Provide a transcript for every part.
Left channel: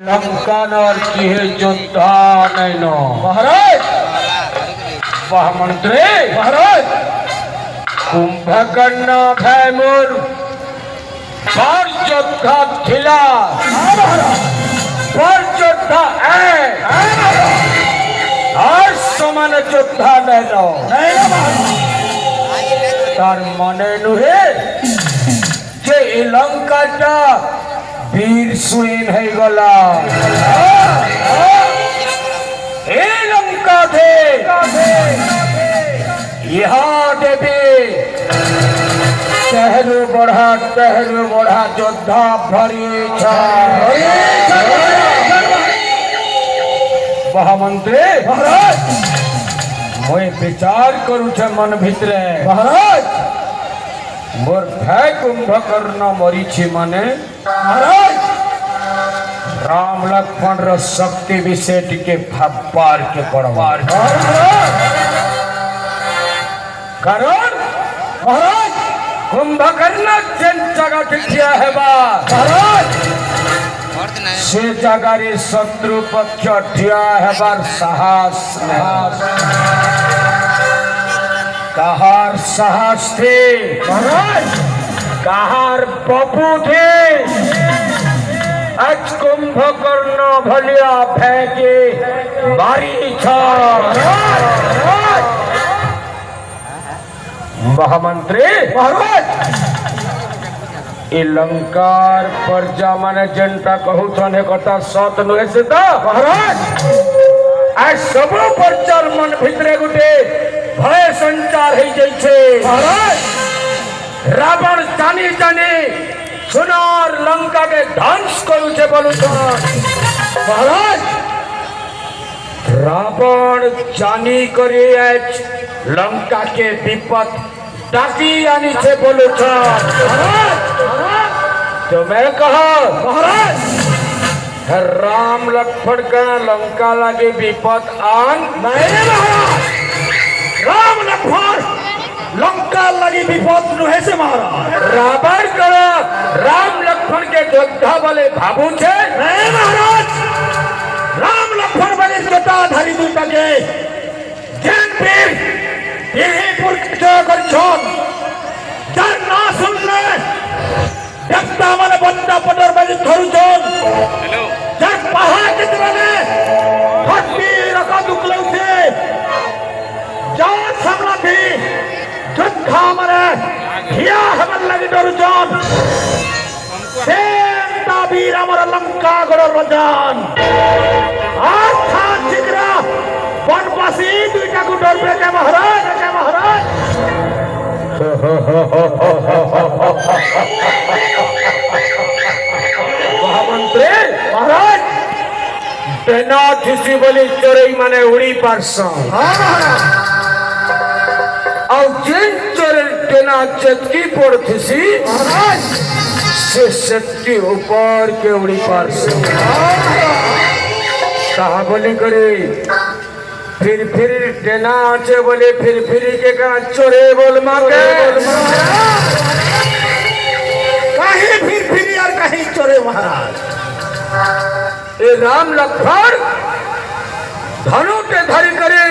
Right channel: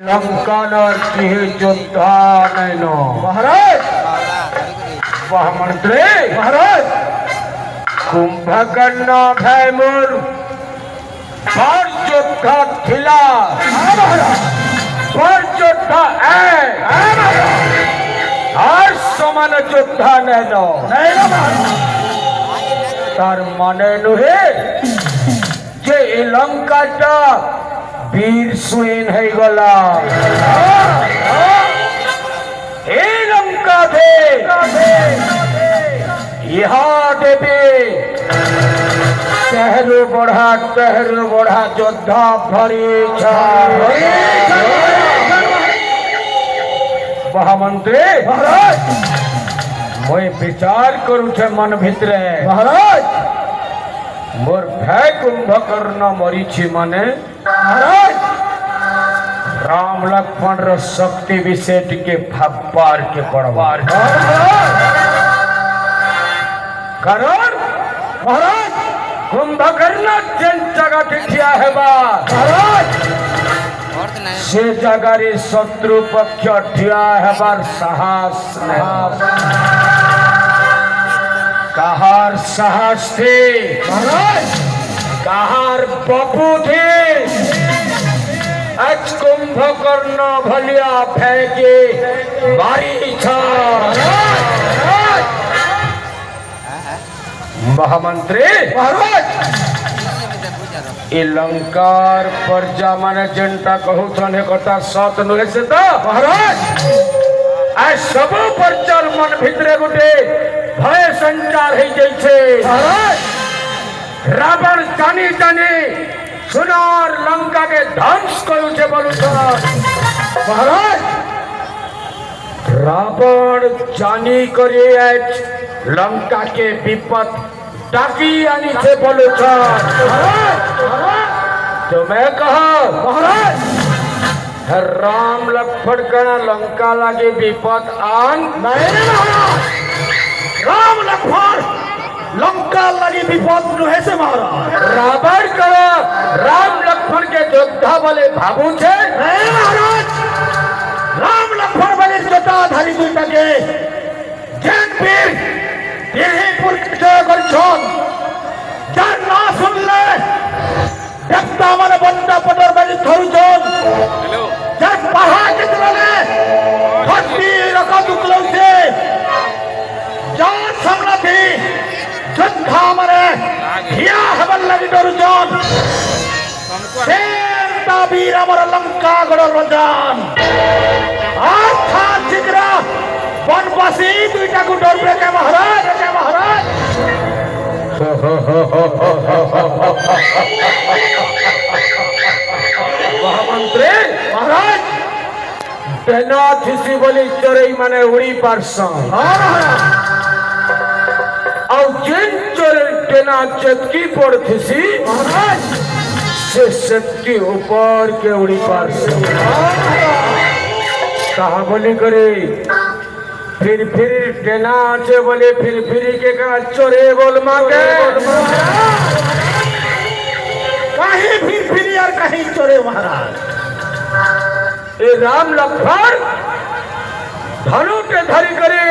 लंकानर की योद्धा नैनो महाराज वह मंत्री महाराज कुंभकर्ण भैमुर पर योद्धा थिला पर योद्धा আর সমান যোদ্ধা নैनो তার মানে নুহে যে এই লঙ্কাটা বীর সুইন হয়ে গলা এই লঙ্কা দে ইহা দেবে তেহরু বড়া যোদ্ধা ভরি মহামন্ত্রী महाराज মই विचार करू छे मन भितरे महाराज मोर भय कुंभकर्ण मरीछि माने महाराज राम लक्ष्मण रो शक्ति विषय टिके भाबार के पड़वार कारण महाराज कुंभकर्ण जेन जगह ठिया हेबा महाराज से जगार शत्रु पक्ष ठिया हेबार साहस कहार साहस थे महाराज कहार बपू थे आज कुंभकर्ण भलिया फेंके मारी महामंत्री महाराज ए लंकार प्रजा माने जनता कहूथन कथा सत नुहे से तो महाराज आज सब प्रचार मन भितरे गुटे भय संचार हो जाइछे महाराज रावण जानी जानी सुनार लंका के ध्वंस करू छे बोलू तो महाराज रावण जानी करे आज लंका के विपद डाकी आनी छे बोलू तो मैं कहा महाराज राम लक्ष्मण का लंका लगे विपद आन नहीं महाराज राम लक्ष्मण लंका लगी विपद नुहे से महाराज रावण करो राम लक्ष्मण के योद्धा बोले भाबू छे नहीं महाराज राम लक्ष्मण बने जटाधारी दुर्गा के जैन पीर देहीपुर के कर छोड़ जन ना सुन ले देखता मन बंदा पटर बनी थोड़ी जोन हेलो जन पहाड़ के तुरले भक्ति रखा दुखलों से जान समला थी जुद्धा मरे हिया हवन लगी डोर जोन सेंटा वीर अमर लंका गड़ रजान आस्था जिगरा वनवासी दुईटा को डोर पे के महाराज महामंत्री महाराज तेना खिसी बोली चोरई माने उड़ी पारसा हाँ महाराज और जिन चोरे तेना चतकी पड़ खिसी महाराज से चतकी ऊपर के उड़ी पारसा कहा बोली करे फिर तेना आचे बोले फिर के का चोरे बोल मांगे कहीं फिर यार कहीं चोरे महाराज ए राम लक्ष्मण धनु के धरी करे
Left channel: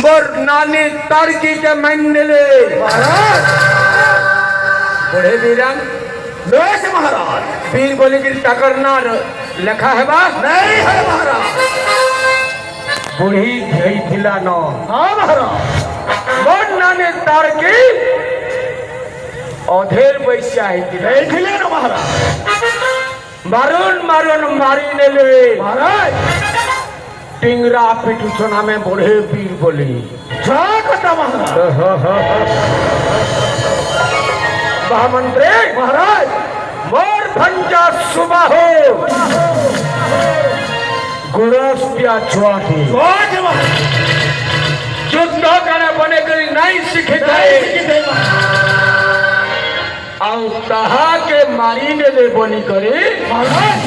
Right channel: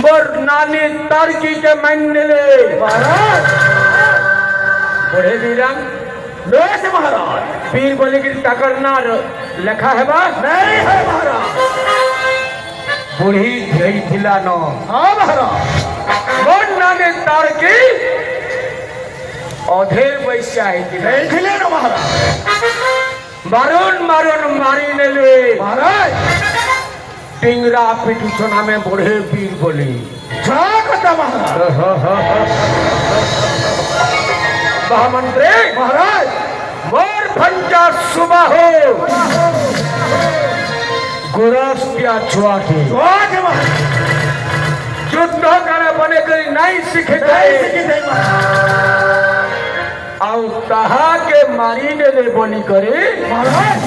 मोर नानी तारकी के मान ले महाराज बड़े वीरान बेस महाराज वीर बोले कि टकर ना लिखा है बा नहीं है महाराज बुढ़ी भेई थिला न हाँ महाराज मोर नानी तारकी अधेर बैसा है नहीं खिले ना महाराज मारून मारी ने ले महाराज टिंगरा पिटू सोना में बूढ़े वीर बोले जागता महाराज महामंत्री महाराज मोर भंजा सुबह हो गुरस क्या छुआ थी जवान महाराज युद्ध करने बने करी नहीं सीखे नहीं जाए सीखी नहीं महाराज और तहा के मारी ने ले बनी करे महाराज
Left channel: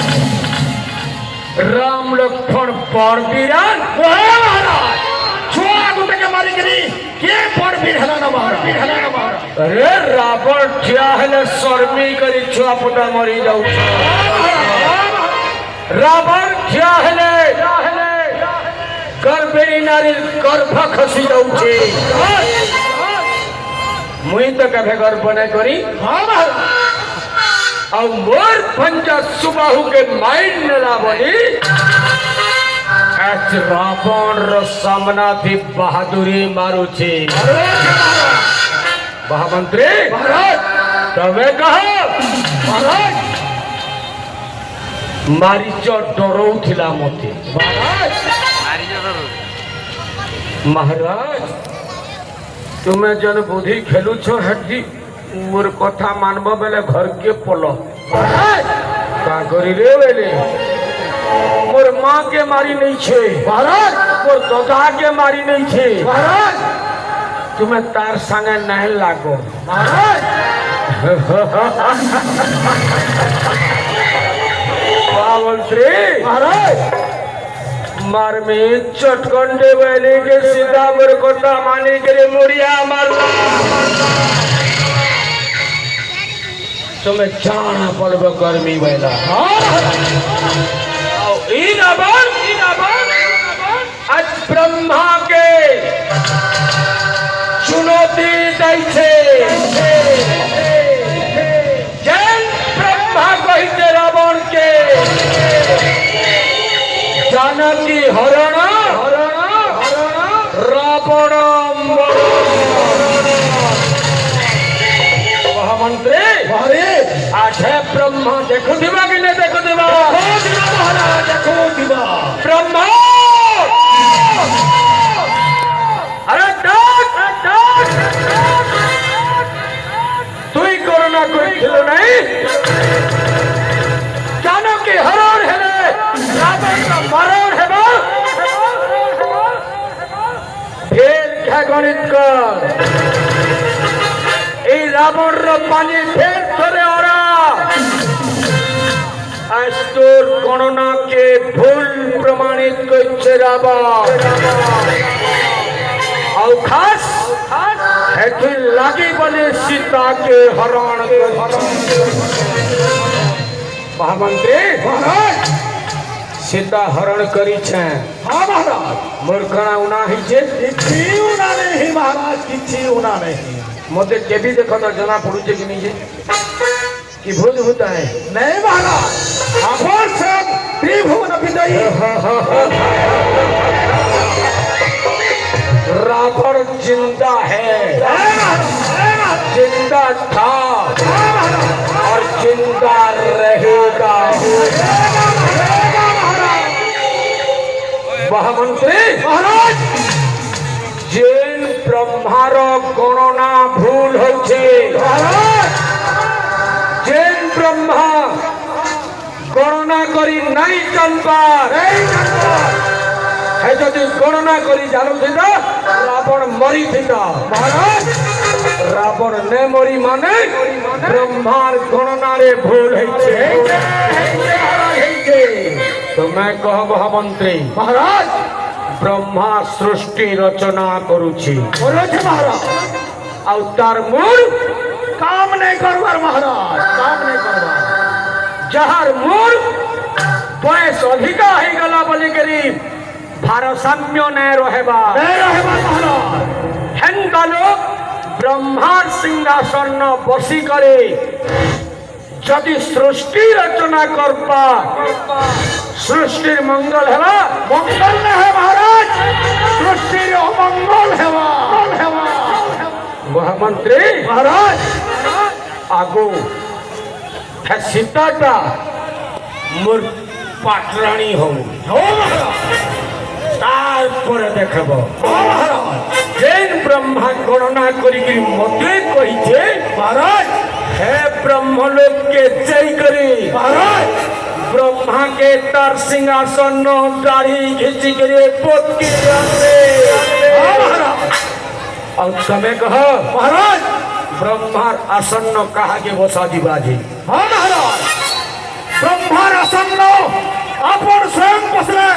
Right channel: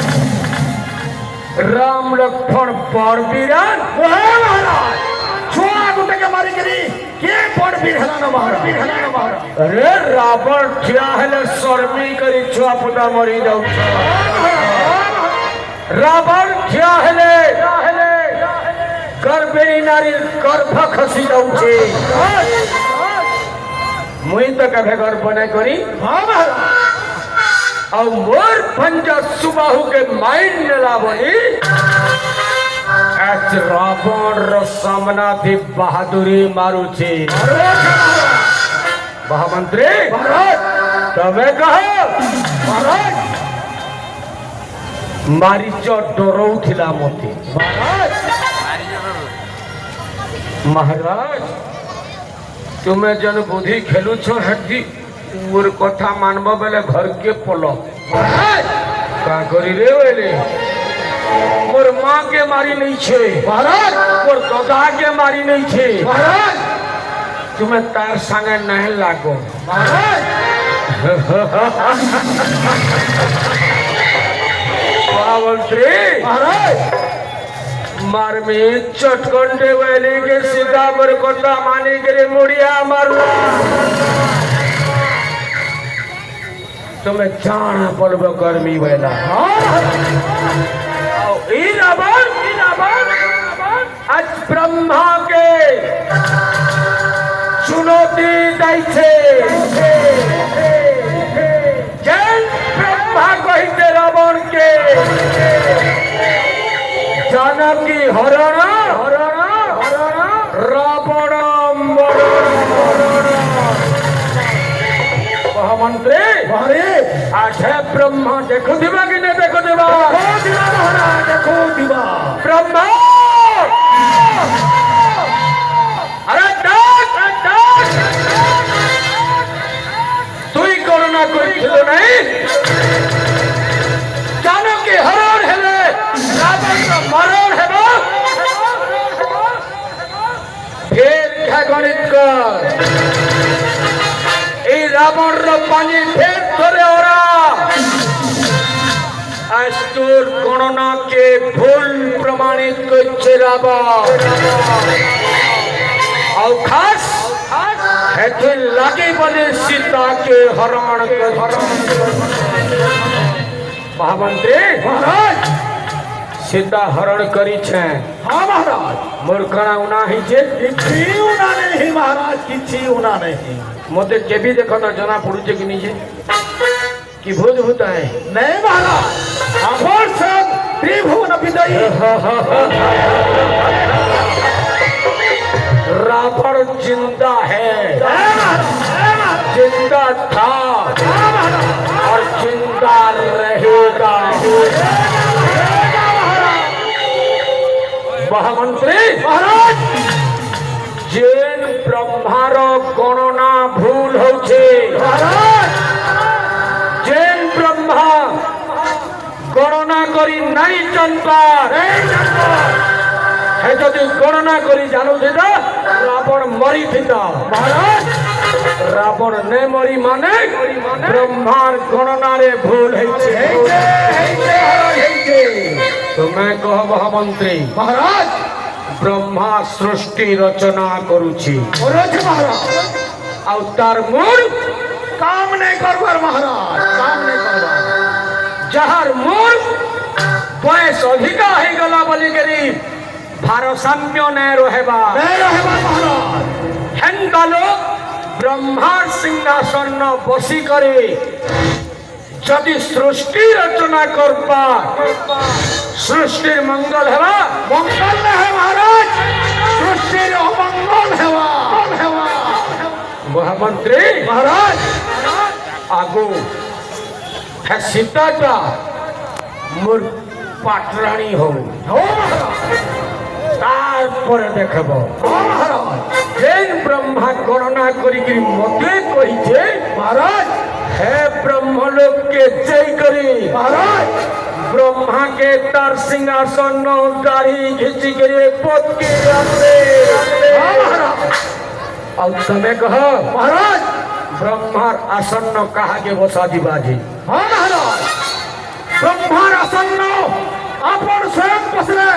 राम लक्ष्मण पर वीरान महाराज छुआ गुटे के मारी करी के पड़ भी हला ना महाराज अरे रावण ठिया हेले शर्मी करी छुआ पुटा मरी जाऊ रावण ठिया हेले गर्भिणी नारी गर्भ खसी जाऊे मुई तो कभे गर्भ नहीं करी और मोर पंजा सुबाहु के माइंड नेला बोली आज रावण रो सामना थी बहादुरी मारू छे महामंत्री तमे कहो मारीच डरौथिला मते महाराज तुम्हें जन बुद्धि खेलु छो हड्डी मोर कथा मानब बेले घर के पल का करी रे बेले मोर माँ के मारी नहीं छे महाराज मोर दादा के मारी नहीं छे महाराज तुम्हें तार संगे नहीं लागो महाराज मंत्री महाराज मार में चटकंडे वाले के सीधा मोर कथा मानी करे मुड़िया मारला तुम्हें जाना पड़ब गर्मी वाला आज ब्रह्मा के चुनौती दै छे जय ब्रह्मा कहते रावण के जानकी हरण रावण महामंत्री आज है ब्रह्मा देखो दिवा कि नहीं देखो दिवा महाराज देखो दिवा ब्रह्मा अरे तु ही कोरोना कोई नहीं जानो कि हरण है रावण का मरण है फिर क्या गणित कर रावण रो पानी फेर थोड़े ओरा आज तोर गणना के भूल प्रमाणित करछे रावण और खास हेतु लागे बने सीता के हरण महामंत्री महाराज सीता हरण करी छे हाँ महाराज मूर्खना उना ही छे किछि उना नहीं महाराज किछि उना नहीं मते केबी देखो तो जना पड़ुचे कि नहीं कि भूत होता है नहीं महाराज अपन सब त्रिभुवन विजयी रावण जिंदा है जिंदा था और जिंदा रहेगा महामंत्री महाराज जेन ब्रह्मार गणना भूल होछे जेन ब्रह्मा गणना करी नहीं चंपार है जदि गणना करी जानू थे रावण मरी थे महाराज रावण ने मरी माने ब्रह्मार गणना रे भूल होछे तो मैं कह महामंत्री महाराज ब्रह्मा सृष्टि रचना करुछि तार मूल काम नहीं करवार महाराज काम नहीं करवार जहार मूल बयस अधिका हो गला बोली करी भारसाम्य नहीं रहेबा महाराज हेंदा लोग ब्रह्मार सिंहासन बसी करे जदि सृष्टि रचना करपा सृष्टि मंगल है मंगल नहीं है महाराज सृष्टि अमंगल है महामंत्री महाराज आगो है सीताटा मोर पाटरानी हो देखब महाराज जेन ब्रह्मा गणना करी मते कही महाराज हे ब्रह्मलोक के जय करी महाराज ब्रह्मा के तार सिंहासन दाढ़ी खींची करे पोत के और तमे कह महाराज ब्रह्मार आसन कहा के बसा दिबाजी हाँ महाराज ब्रह्मार आसन अपन स्वयं बसले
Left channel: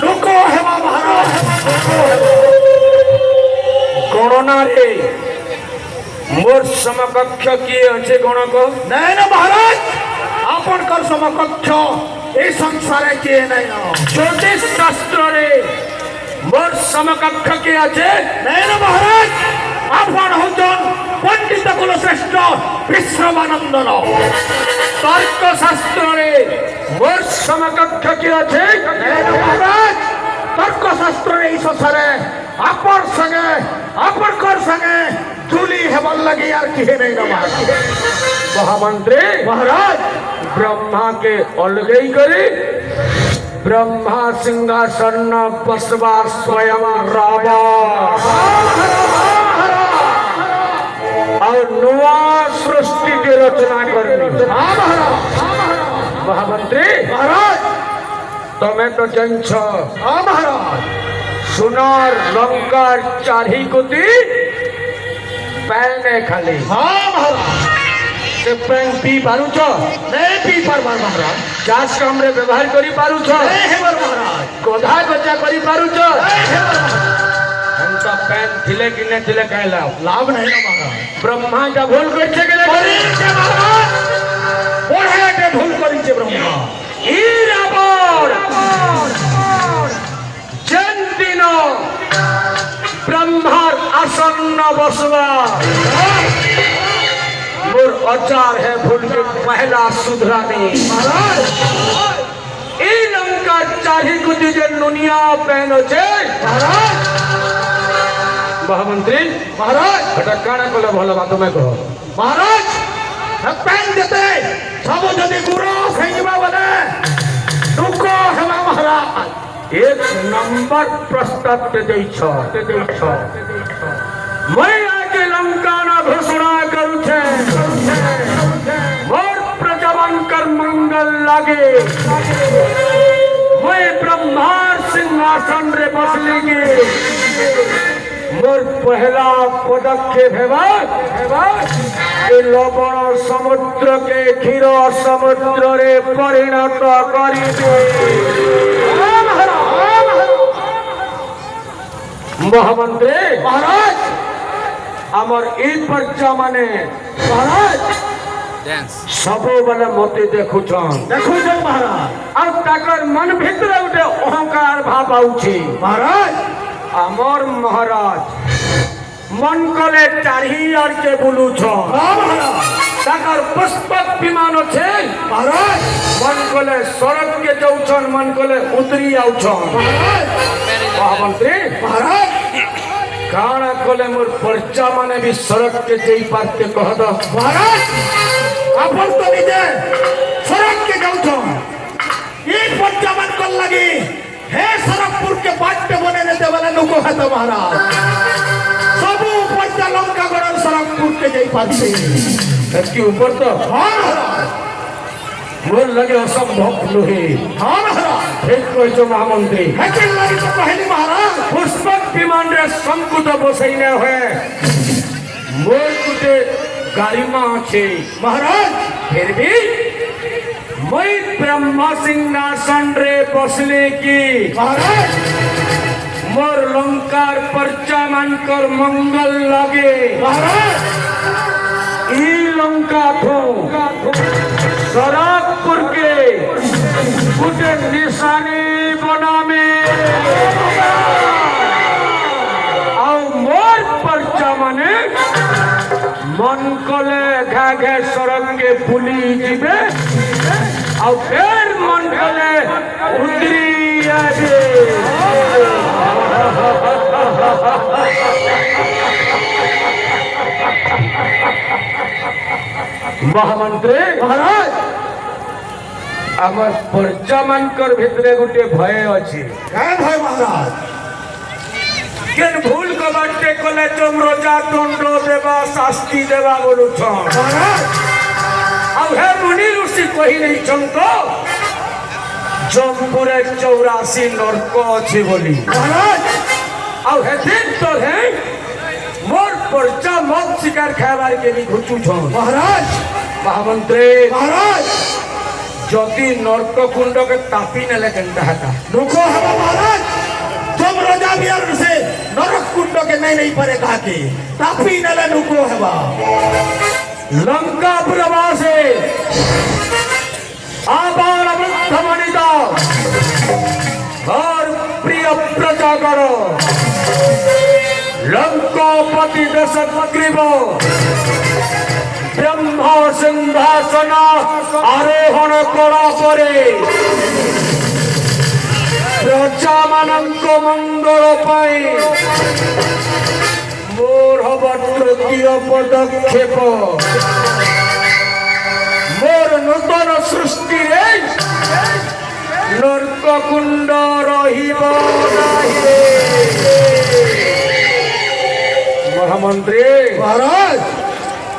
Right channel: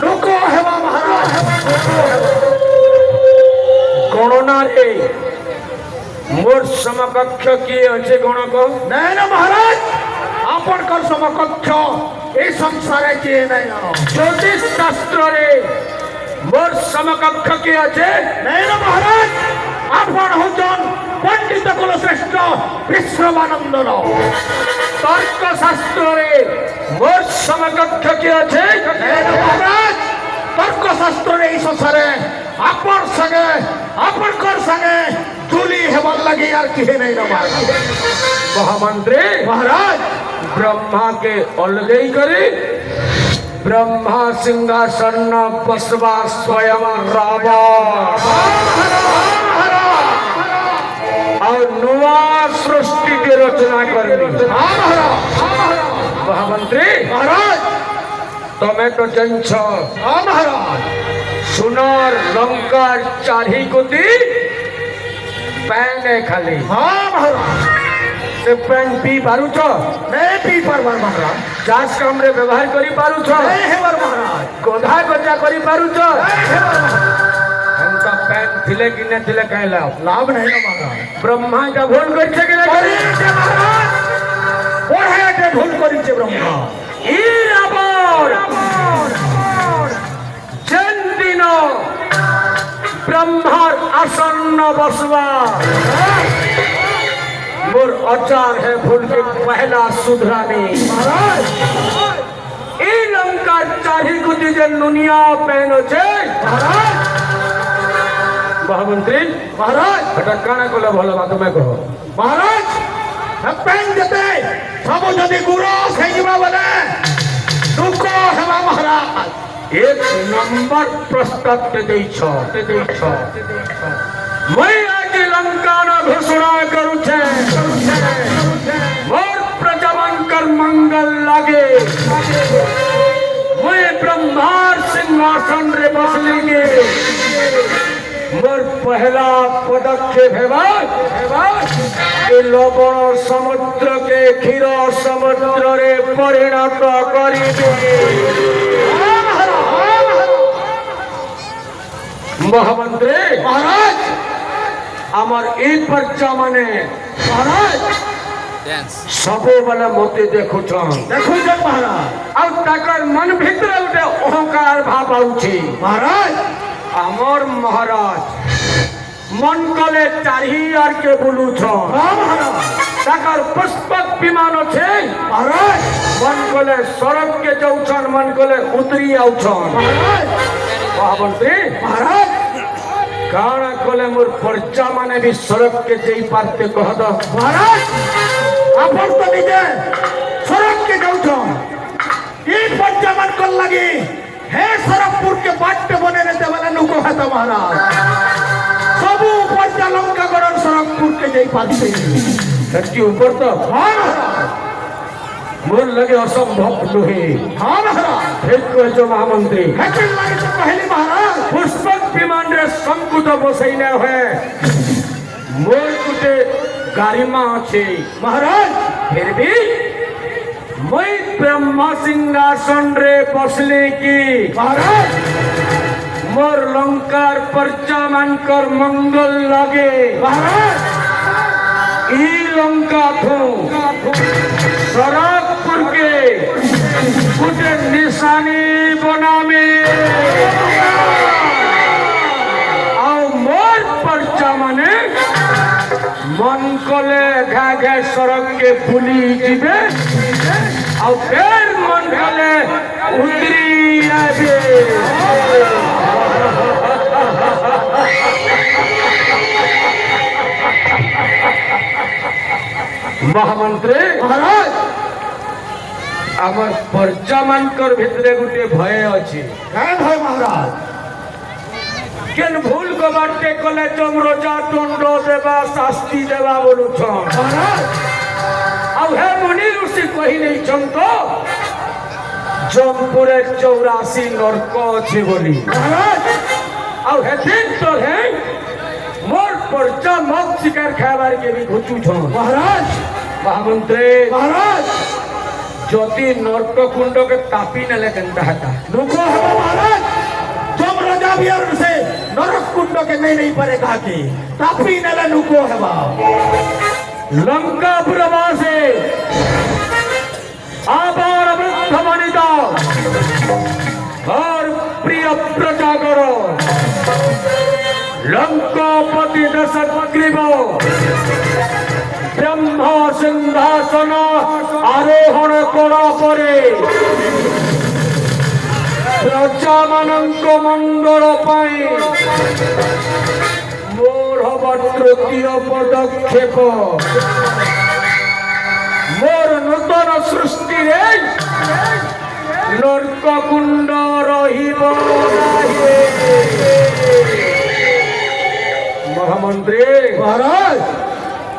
रुको है महाराज गणना रे मोर समकक्ष किए अच्छे गण को नहीं ना महाराज अपन कर समकक्ष এই সংসারে কে নাই জ্যোতিষ শাস্ত্রে মোর সমকক্ষ কি আছে নাই না মহারাজ আপন হচ্ছেন পণ্ডিত কুলশ্রেষ্ঠ বিশ্রমানন্দন তর্ক শাস্ত্রে মোর সমকক্ষ কি আছে নাই না মহারাজ তর্ক শাস্ত্রের এই সংসারে আপন সঙ্গে আপনকর সঙ্গে তুলি হেবার লাগে আর কি নাই না মহামন্ত্রী মহারাজ ब्रह्मा के अलगई करी ब्रह्मा सिंहासन बसवा स्वयं रावा और नुआ सृष्टि की रचना करनी महामंत्री महाराज तमें तो जंछ महाराज सुनार लंका चारी गुती पैने खाली हाँ महाराज से पेन पी पारुछ नहीं पी पारबार महाराज चाष काम रे व्यवहार करी पारुछ नहीं हेबार महाराज गोधा गजा करी पारुछ नहीं हेबार महाराज हमका पेन थिले कि ने थिले कहला लाभ नहीं ना महाराज ब्रह्मा का भूल करछे के करी के महाराज पढ़े के भूल करी के ब्रह्मा ई रावण जन दिनो ब्रह्मार आसन्न बसवा मोर अचार है भूल के पहला सुधराने महाराज ई लंका चाही गुदी जे नुनिया पेन छे महाराज महामंत्री महाराज এটা কানা কলে ভালো বাত মে কহ महाराज पेन देते सब जदि गुरु सैजमा बने दुखो हेबा महाराज एक नंबर प्रस्ताव ते दै छ मैं आज लंका ना घोषणा करू छे मोर प्रजवन कर मंगल लागे मैं ब्रह्मार सिंहासन रे बसलेंगे मोर पहला पदक्षेप हेबा लवण समुद्र के क्षीर समुद्र रे परिणत करी महामंत्री महाराज আমার এই পর্চা মানে महाराज सबोबले मते देखुछन देखो जे महाराज আর তাকর মন ভিতরে উঠে অহংকার ভাব আউছে महाराज আমার মহারাজ মন করে চারি আর কে বলুছন हाँ महाराज তাকর পুষ্পক বিমান আছে महाराज মন কলে সড়ক কে যাউছন মন কলে উতরি আউছন महाराज মহামন্ত্রী महाराज কাଣା কলে মোর পর্চা মানে भी सड़क के जेई पारते कह द महाराज अपन तो निजे सड़क के जाउछो ई पंचमन को लगी हे सरकपुर के बाट बने ने देवाला नुको है तो महाराज सब पंच लंका गण सरकपुर के जेई पारते इसके ऊपर तो हाँ महाराज मोर लगे असंभव नुहे हाँ महाराज ठीक कहिছো महामंत्री हेकल लगी तो पहली महाराज पुष्पक विमान रे संकुट बसैले है मोर कुटे गारिमा আছে महाराज फिर भी मैं ब्रह्मा सिंहासन रे बसले की महाराज मोर लंकार पर्चा मानकर मंगल लागे महाराज ई लंका थो सरागपुर के कुटे निशानी बनामे आओ मोर पर्चा माने मन कले घाघे सड़क के पुली जीवे और फिर मन कले उतरी आवे महामंत्री महाराज আমার पर्चा मानकर भितरे गुटे भय अछि क्या भाई महाराज केन भूल को बाटे कले चमरोजा दंड देवा शास्ति देवा बोलुछन महाराज अब हे मुनि ऋषि कहि नहीं छंतो जमपुरे 84 नरक अछि बोली महाराज अब हे दिन तो है मोर पर्चा मत शिकार खाबार के भी घुचू छन महाराज महामंत्री महाराज ज्योति नरक कुंड के तापी न लेकंदा हता रुको है महाराज तुम राजा बिहार से नरक कुंड के नहीं पड़ेगा के तापी नले नुको है लंका प्रवासे आबार वृद्ध मणि सीता और प्रिय प्रजागर लंकापति दशग्रीव ब्रह्म सिंहासन आरोहण करा परे प्रजा मानक मंगल पाई मोर हवा तृतीय पदक्षेप मोर नूतन सृष्टि नर्क कुंड महामंत्री महाराज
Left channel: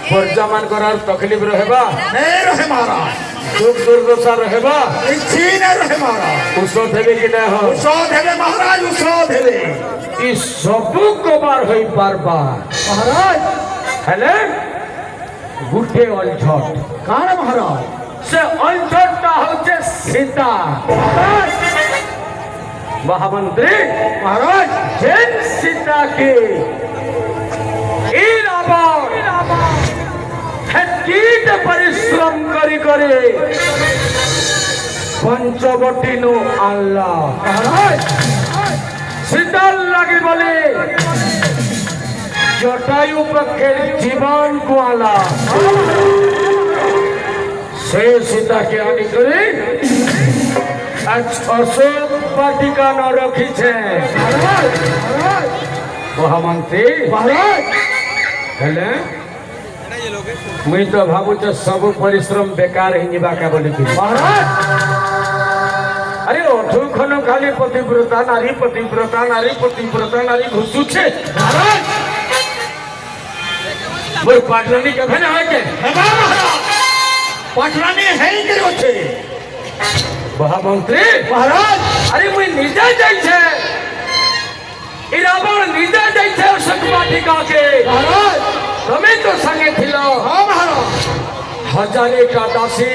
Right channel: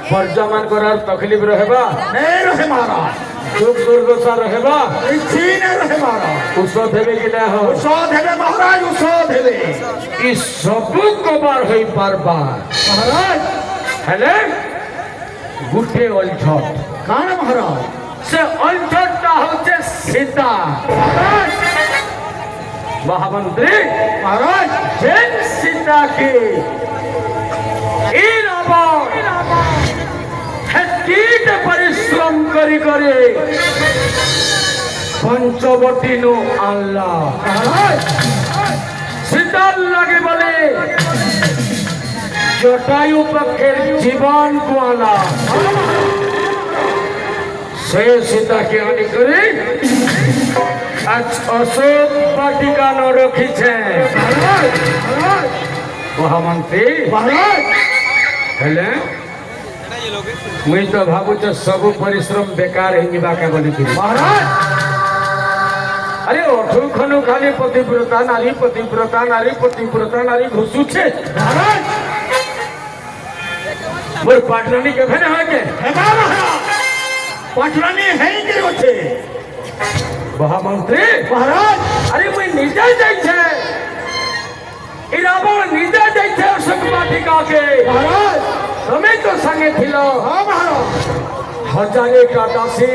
प्रजा मान करार तकलीफ रहबा नहीं रहे महाराज दुख दुर्दशा रहबा इच्छी नहीं रहे महाराज औषध हेबे कि ना हो औषध हेबे महाराज औषध हेबे ई सब को बार होई पारबा महाराज हेले गुटे अलझट काण महाराज से अलझटटा होचे सीता महामंत्री महाराज जेन सीता के ई कीट परिश्रम करी करे पंचवटी नो आल्ला सीतार लगे बोले जटायु पक्षे जीवन को आला से सीता के आने करे अशोक वाटिका न रखी छे महामंत्री महाराज हेले मुई तो भावु सब परिश्रम बेकार ही निबाका बोली थी महाराज अरे अठु खनु खाली पतिव्रता नारी घुसु छे महाराज मोर पाटरानी के भेन है के हेबा महाराज पाटरानी है के छे महामंत्री महाराज अरे मुई निजा जाई छे ई रावण निजा जाई छे अशोक वाटिका के महाराज તમે તો સંગે થિલો हाँ महाराज हजारे का दासी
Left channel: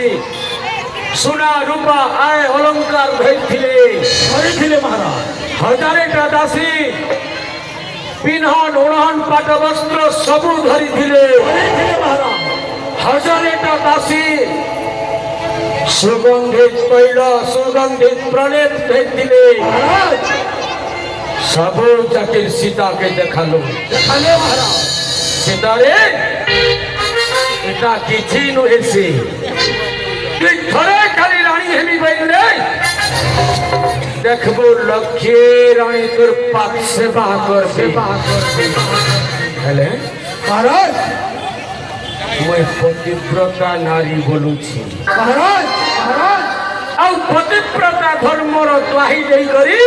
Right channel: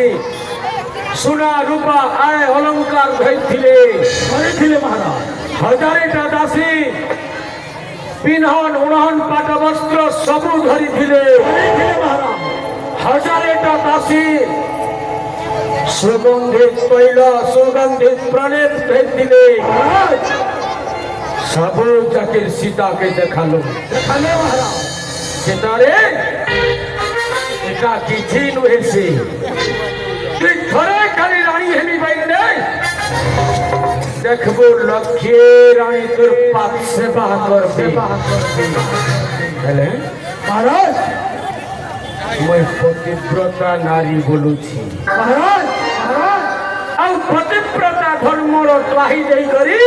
सुना रूपा आय अलंकार भेजथिले खरीदिले महाराज हजारे का दासी पिन्हन ओढ़न पाट वस्त्र सबु धरिथिले खरीदिले महाराज हजारे का दासी सुगंधित तैल सुगंधित प्रलेप भेजथिले महाराज सबु जाके सीता के देखालो देखाले महाराज सीतारे एका किछि नुहेसी कि थोड़े खाली रानी हेमी बैठले देखबो लक्ष्य रानी तोर पाप सेवा करबे हेले महाराज मैं पतिव्रता नारी बोलू छी महाराज महाराज आ पतिव्रता धर्मर द्वाही देई करी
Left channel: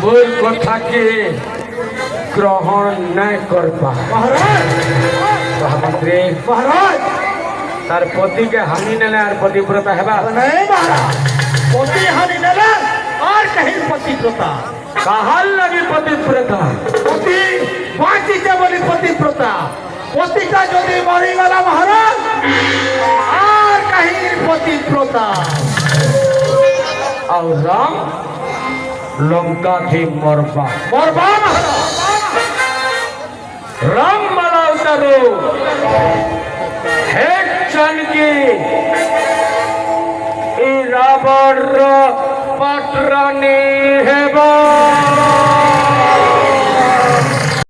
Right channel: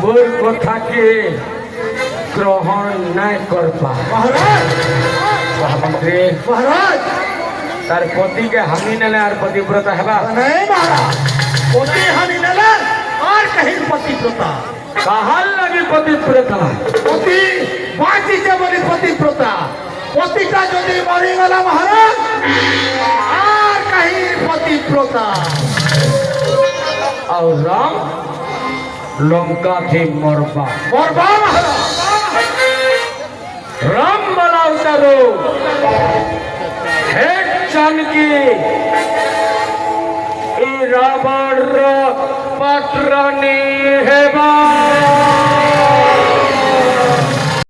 मोर कथा के ग्रहण नहीं कर पा महाराज महामंत्री महाराज तार पति के हानि ने आर पतिव्रता हेबा नहीं महाराज पति हानि नेले और कहीं पतिव्रता कहां लगे पतिव्रता पति बाकी के बोली पतिव्रता पति का यदि मरी गला महाराज और कहीं पतिव्रता और राम लंका के मरबा मरबा महाराज राम बड़ा उतारो हे जानकी ई रावण पाटरानी हेबा